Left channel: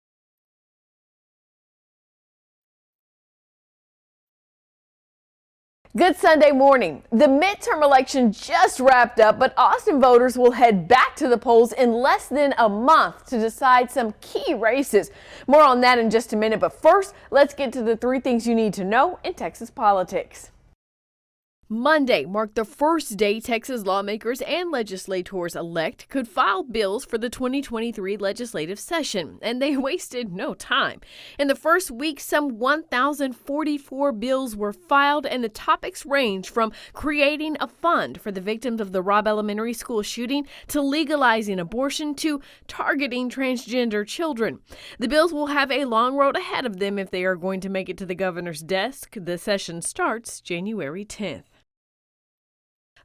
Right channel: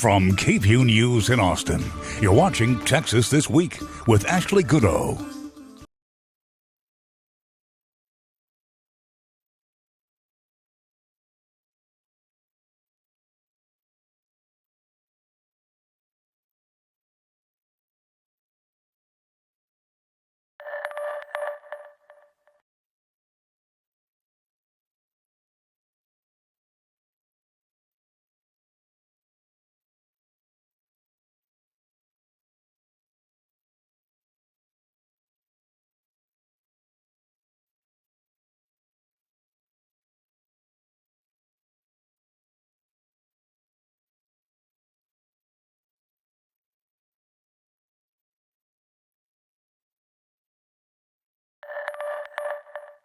From KVUE News in Austin, you're watching Texas This Week with Ashley Goudeau. Good Sunday morning. The midterm election just wrapped up, but Austin voters will head back to the polls in less than a month to decide some key races. More on that in just a minute, but first, let's get to the 3 things you need to know in Texas politics. Monday marked the first day Texas lawmakers and legislators-elect could file bills for the 2023 legislative session, and they wasted no time. In the first week, some 1,044 bills were filed, and the topics range from creating a fund for the victims of the Robb Elementary School shooting to legalizing abortion to targeting transgender children. The bills will have a long road ahead of them if they are going to make it to the governor's desk. The session starts January 10th.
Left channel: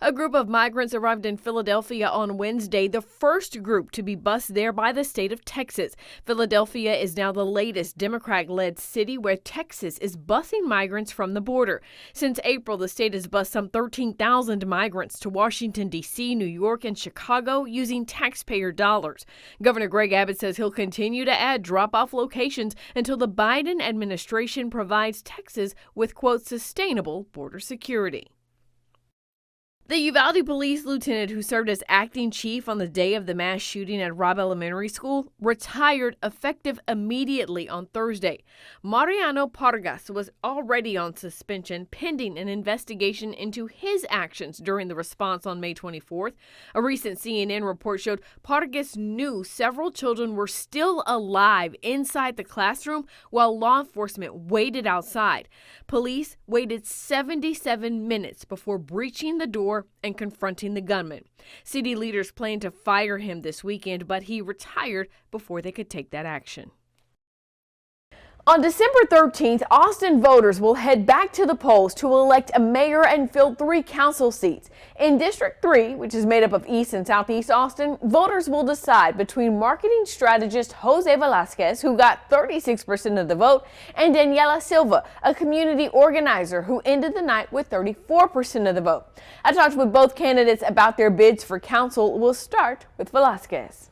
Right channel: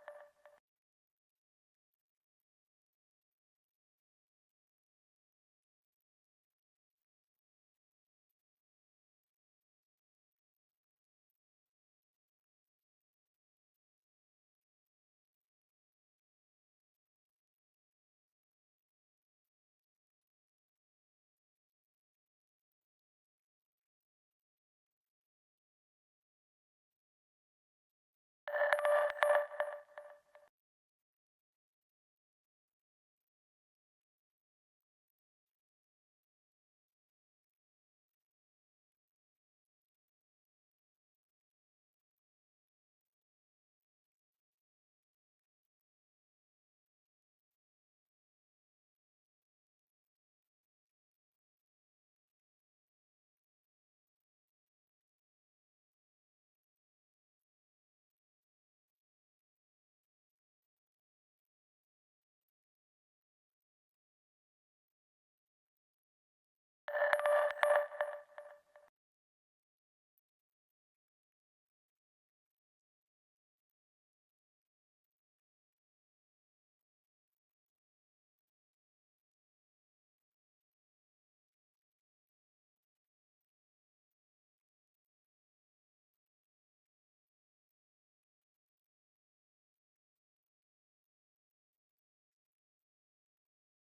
A group of migrants arrived in Philadelphia on Wednesday, the first group to be bused there by the state of Texas. Philadelphia is now the latest Democrat-led city where Texas is busing migrants from the border. Since April, the state has bused some 13,000 migrants to Washington, D.C., New York, and Chicago using taxpayer dollars. Governor Greg Abbott says he'll continue to add drop-off locations until the Biden administration provides Texas with, quote, sustainable border security. The Uvalde police lieutenant who served as acting chief on the day of the mass shooting at Robb Elementary School retired effective immediately on Thursday. Mariano Pargas was already on suspension pending an investigation into his actions during the response on May 24th. A recent CNN report showed Pargas knew several children were still alive inside the classroom while law enforcement waited outside. Police waited 77 minutes before breaching the door and confronting the gunman. City leaders plan to fire him this weekend, but he retired before they could take that action. On December 13th, Austin voters will head back to the polls to elect a mayor and fill 3 council seats. In District 3, which is made up of East and Southeast Austin, voters will decide between marketing strategist José Velásquez, who got 36% of the vote, and Daniela Silva, a community organizer who ended the night with 34% of the vote. I talked with both candidates about their bids for council. We'll start with Velásquez.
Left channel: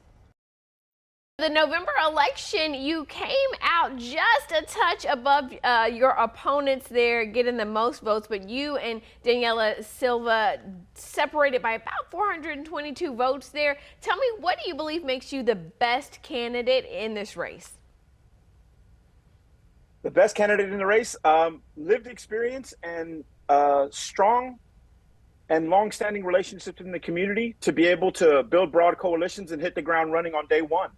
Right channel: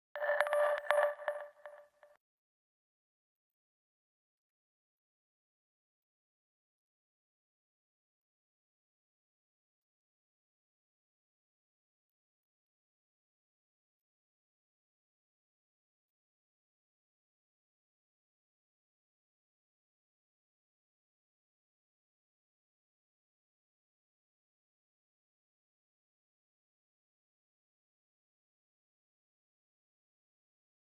The November election, you came out just a touch above your opponents there, getting the most votes, but you and Daniela Silva separated by about 422 votes there. Tell me, what do you believe makes you the best candidate in this race? The best candidate in the race, lived experience and strong and long-standing relationships in the community to be able to build broad coalitions and hit the ground running on day one.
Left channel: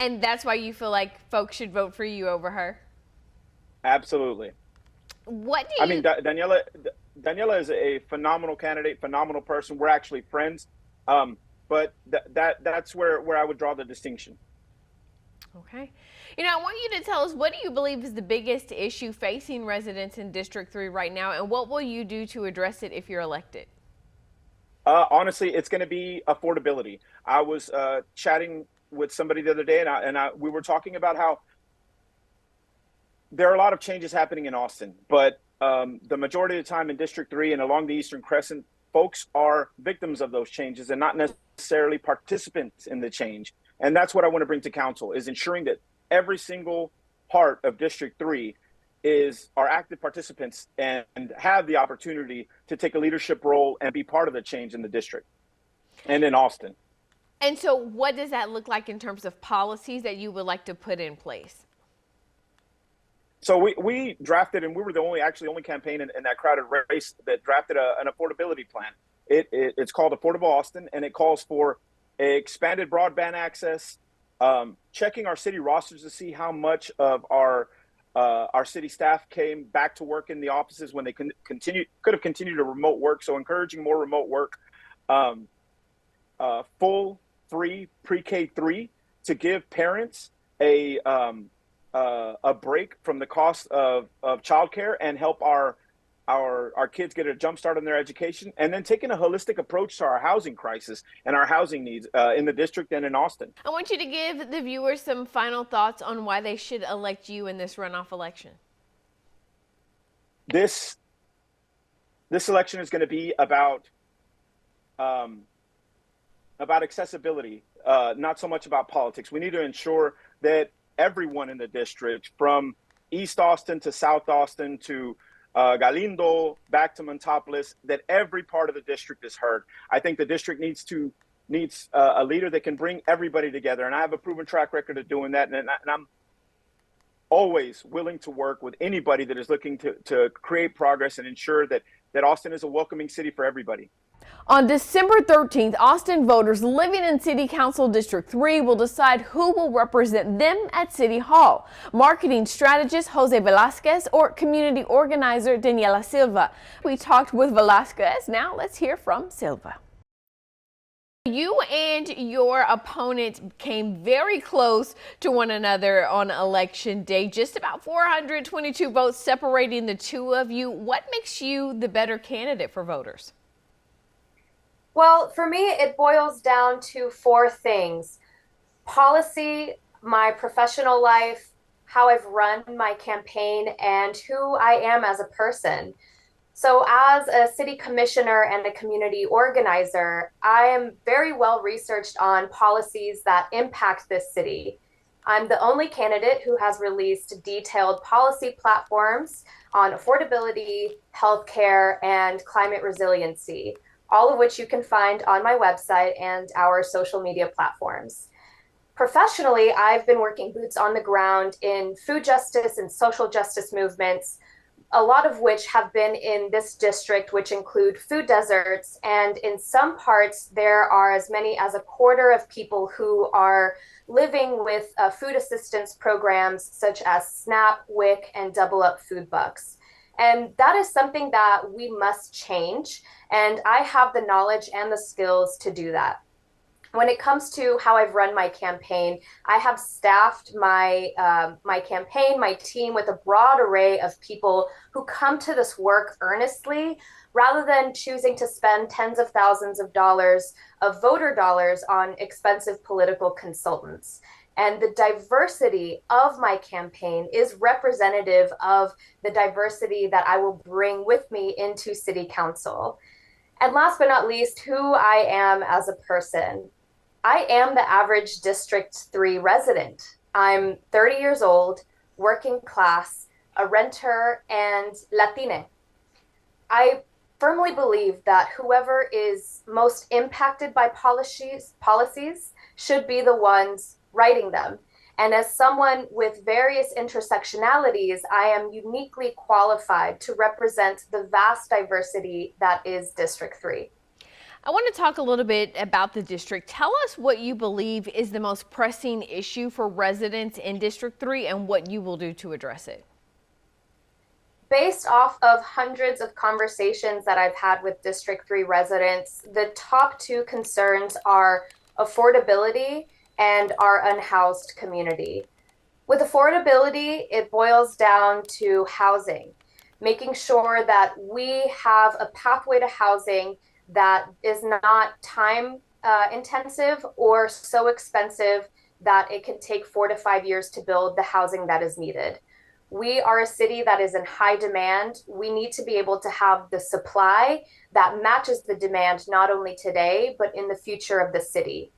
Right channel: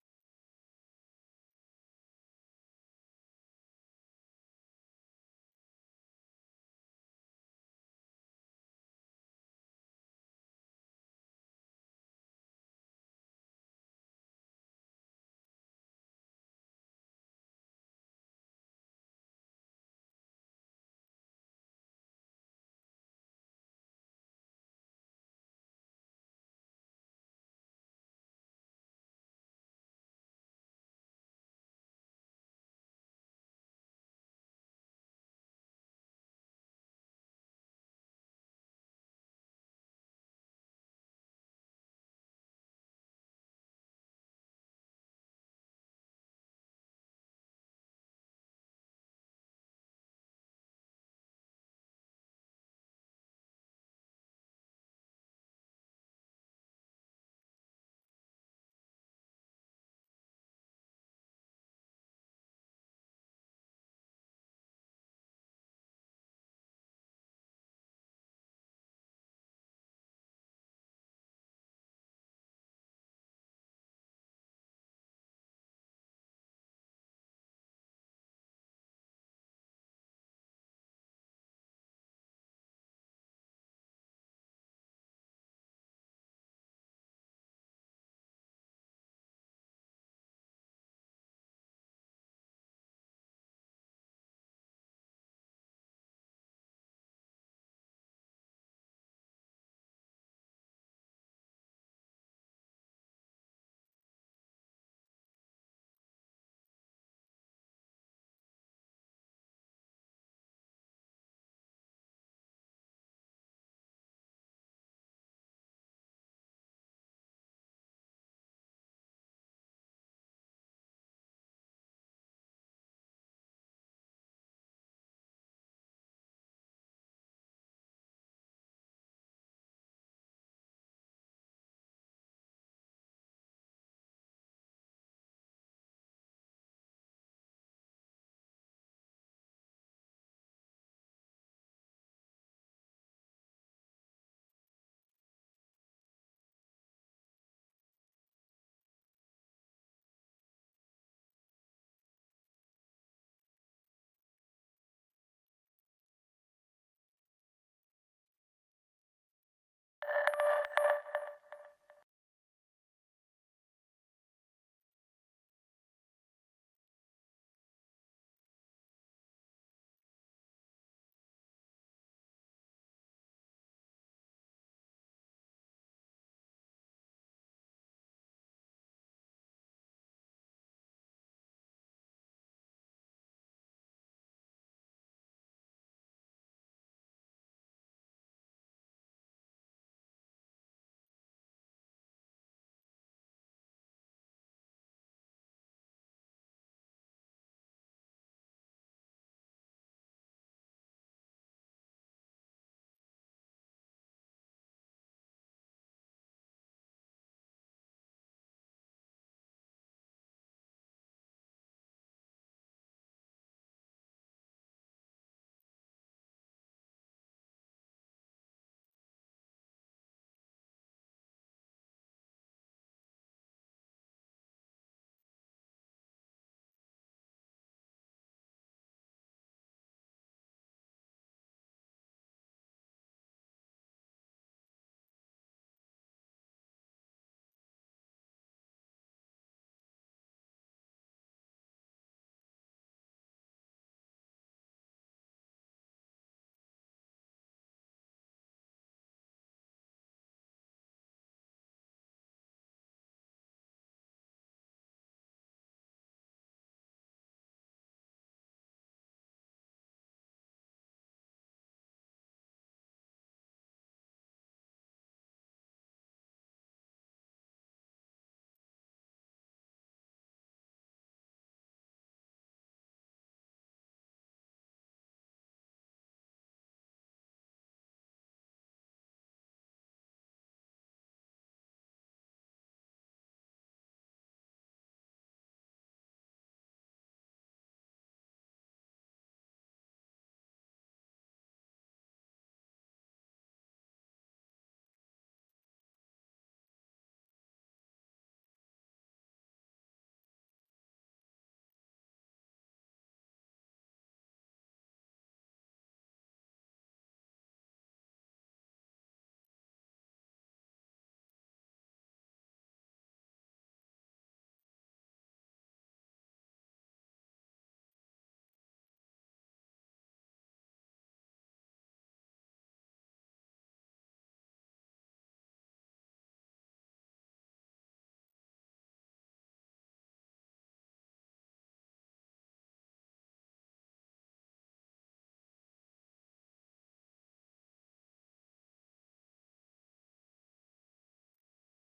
And that's why you feel like folks should vote for you over her? Absolutely. What do you... I mean, Daniela is a phenomenal candidate, phenomenal person. We're actually friends. But that's where I would draw the distinction. Okay. You know, I want you to tell us, what do you believe is the biggest issue facing residents in District 3 right now, and what will you do to address it if you're elected? Honestly, it's going to be affordability. I was chatting with somebody the other day, and we were talking about how there are a lot of changes happening in Austin, but the majority of the time in District 3 and along the Eastern Crescent, folks are victims of those changes and not necessarily participants in the change. And that's what I want to bring to council, is ensuring that every single part of District 3 are active participants and have the opportunity to take a leadership role and be part of the change in the district and in Austin. And so what does that look like in terms of policies that you would like to put in place? So we drafted, and we were the only campaign in that crowded race that drafted an affordability plan. It's called Affordable Austin, and it calls for expanded broadband access, checking our city rosters to see how much of our city staff came back to work in the offices when they could have continued to remote work. So encouraging more remote work, full free pre-K 3 to give parents a break from the cost of childcare and help our kids get a jump start on their education, and then taking a holistic approach to our housing crisis and our housing needs in the district and in Austin. I want you to give the viewers some final thoughts on why they should elect you in this runoff election. This election is going to be about accessibility, not so much about politics. We need to ensure that everyone in the district, from East Austin to South Austin to Galindo, back to Montopolis, that every part of the district is heard. I think the district needs a leader that can bring everybody together, and I have a proven track record of doing that, and I'm always willing to work with anybody that is looking to create progress and ensure that Austin is a welcoming city for everybody. On December 13th, Austin voters living in City Council District 3 will decide who will represent them at City Hall. Marketing strategist José Velásquez or community organizer Daniela Silva. We talked with Velásquez. Now let's hear from Silva. You and your opponent came very close to one another on election day, just about 422 votes separating the two of you. What makes you the better candidate for voters? Well, for me, it boils down to four things: policy, my professional life, how I've run my campaign, and who I am as a person. So as a city commissioner and a community organizer, I am very well researched on policies that impact this city. I'm the only candidate who has released detailed policy platforms on affordability, healthcare, and climate resiliency, all of which you can find on my website and our social media platforms. Professionally, I've been working boots on the ground in food justice and social justice movements, a lot of which have been in this district, which include food deserts. And in some parts, there are as many as a quarter of people who are living with food assistance programs such as SNAP, WIC, and Double Up Food Bucks. And that is something that we must change. And I have the knowledge and the skills to do that. When it comes to how I've run my campaign, I have staffed my campaign, my team, with a broad array of people who come to this work earnestly, rather than choosing to spend tens of thousands of dollars of voter dollars on expensive political consultants. And the diversity of my campaign is representative of the diversity that I will bring with me into City Council. And last but not least, who I am as a person. I am the average District 3 resident. I'm 30 years old, working class, a renter, and Latina. I firmly believe that whoever is most impacted by policies should be the ones writing them. And as someone with various intersectionalities, I am uniquely qualified to represent the vast diversity that is District 3. I want to talk a little bit about the district. Tell us what you believe is the most pressing issue for residents in District 3 and what you will do to address it. Based off of hundreds of conversations that I've had with District 3 residents, the top two concerns are affordability and our unhoused community. With affordability, it boils down to housing, making sure that we have a pathway to housing that is not time intensive or so expensive that it can take 4 to 5 years to build the housing that is needed. We are a city that is in high demand. We need to be able to have the supply that matches the demand, not only today, but in the future of the city.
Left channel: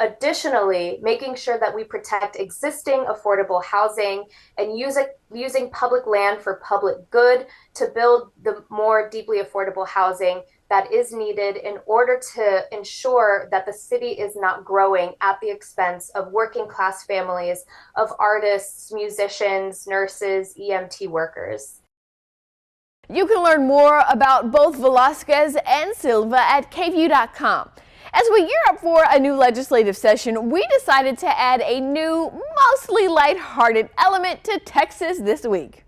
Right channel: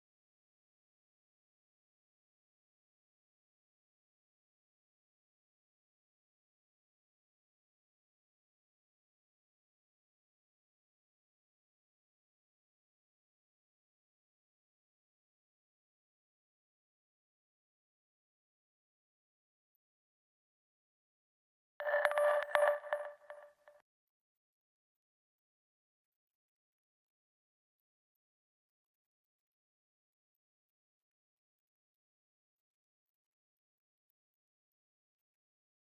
Additionally, making sure that we protect existing affordable housing and using public land for public good to build the more deeply affordable housing that is needed in order to ensure that the city is not growing at the expense of working class families, of artists, musicians, nurses, EMT workers. You can learn more about both Velásquez and Silva at KVUE.com. As we gear up for a new legislative session, we decided to add a new, mostly lighthearted element to Texas this week.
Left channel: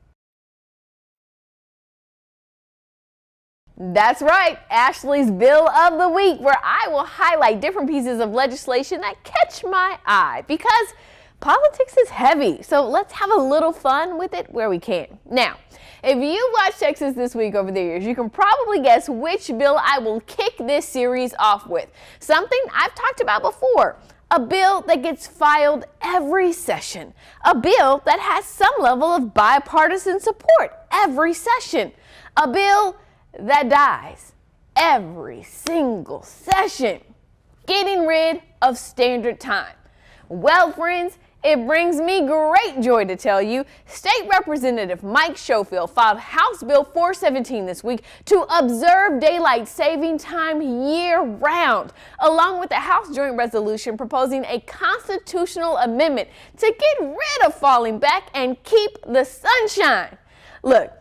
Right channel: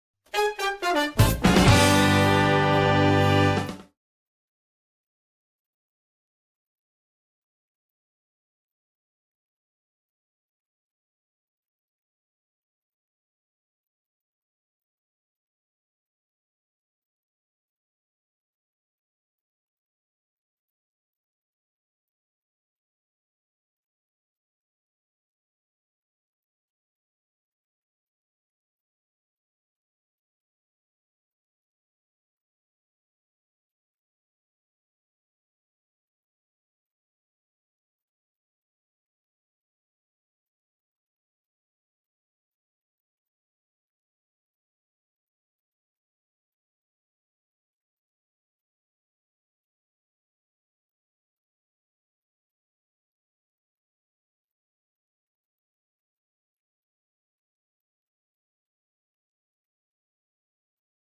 That's right, Ashley's Bill of the Week, where I will highlight different pieces of legislation that catch my eye, because politics is heavy, so let's have a little fun with it where we can. Now, if you watched Texas This Week over the years, you can probably guess which bill I will kick this series off with. Something I've talked about before. A bill that gets filed every session. A bill that has some level of bipartisan support every session. A bill that dies every single session. Getting rid of standard time. Well, friends, It brings me great joy to tell you, State Representative Mike Schofield filed House Bill 417 this week to observe daylight saving time year-round, along with a House Joint Resolution proposing a constitutional amendment to get rid of falling back and keep the sunshine. Look,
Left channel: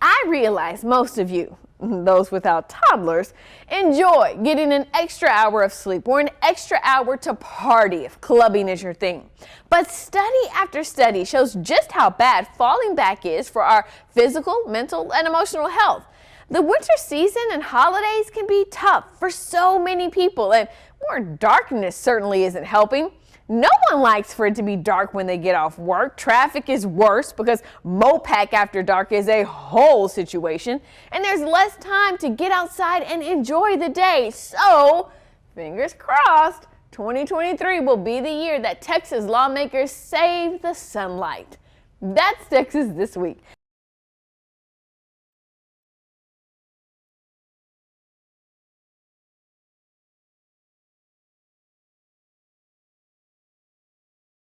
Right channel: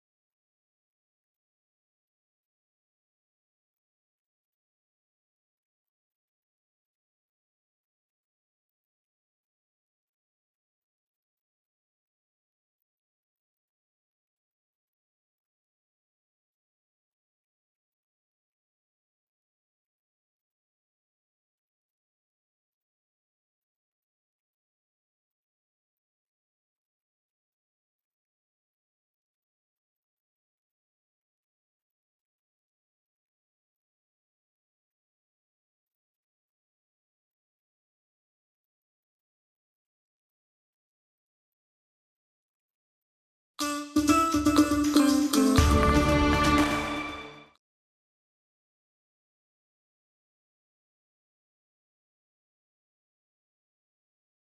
I realize most of you, those without toddlers, enjoy getting an extra hour of sleep or an extra hour to party if clubbing is your thing. But study after study shows just how bad falling back is for our physical, mental, and emotional health. The winter season and holidays can be tough for so many people, and more darkness certainly isn't helping. No one likes for it to be dark when they get off work. Traffic is worse because Mopac after dark is a whole situation, and there's less time to get outside and enjoy the day. So, fingers crossed, 2023 will be the year that Texas lawmakers save the sunlight. That's Texas This Week.